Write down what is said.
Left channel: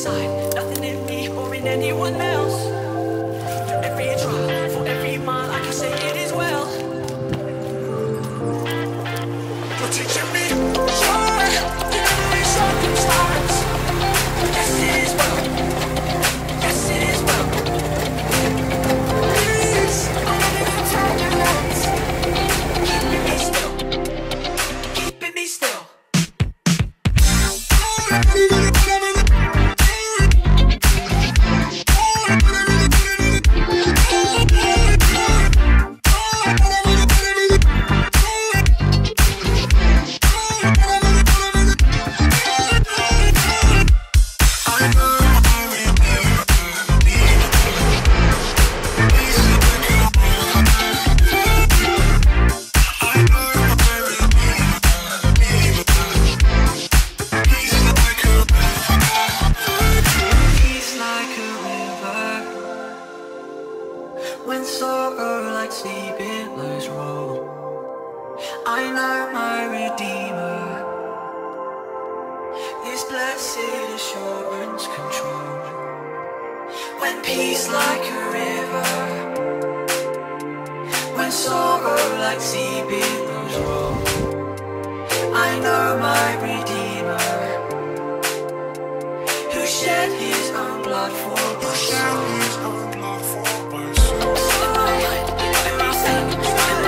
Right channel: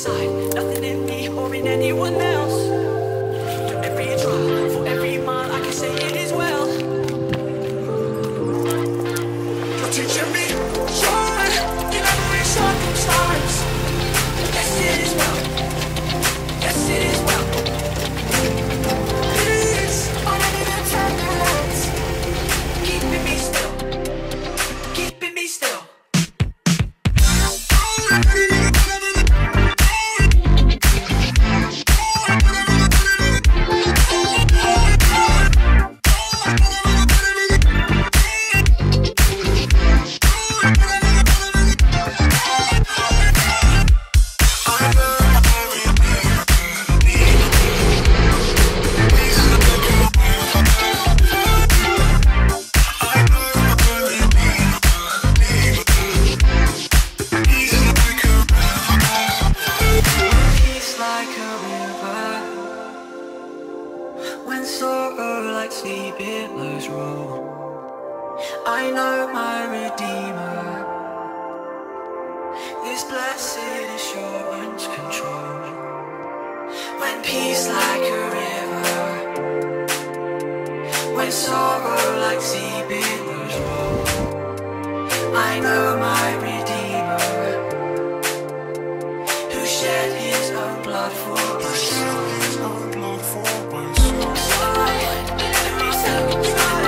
inside, nothing in me or in anyone else. For every drop, for every mile, I can say it is well. You're teaching me joy in every circumstance. Yes, it is well. Yes, it is well. Peace, whenever the turbulence, keeping me still, keeping me still. When sorrow like sea billows roll, I know my Redeemer, this blessed assurance control. When peace like a river, when sorrow like sea billows roll, I know my Redeemer, who shed his own blood for my soul. Circumstance.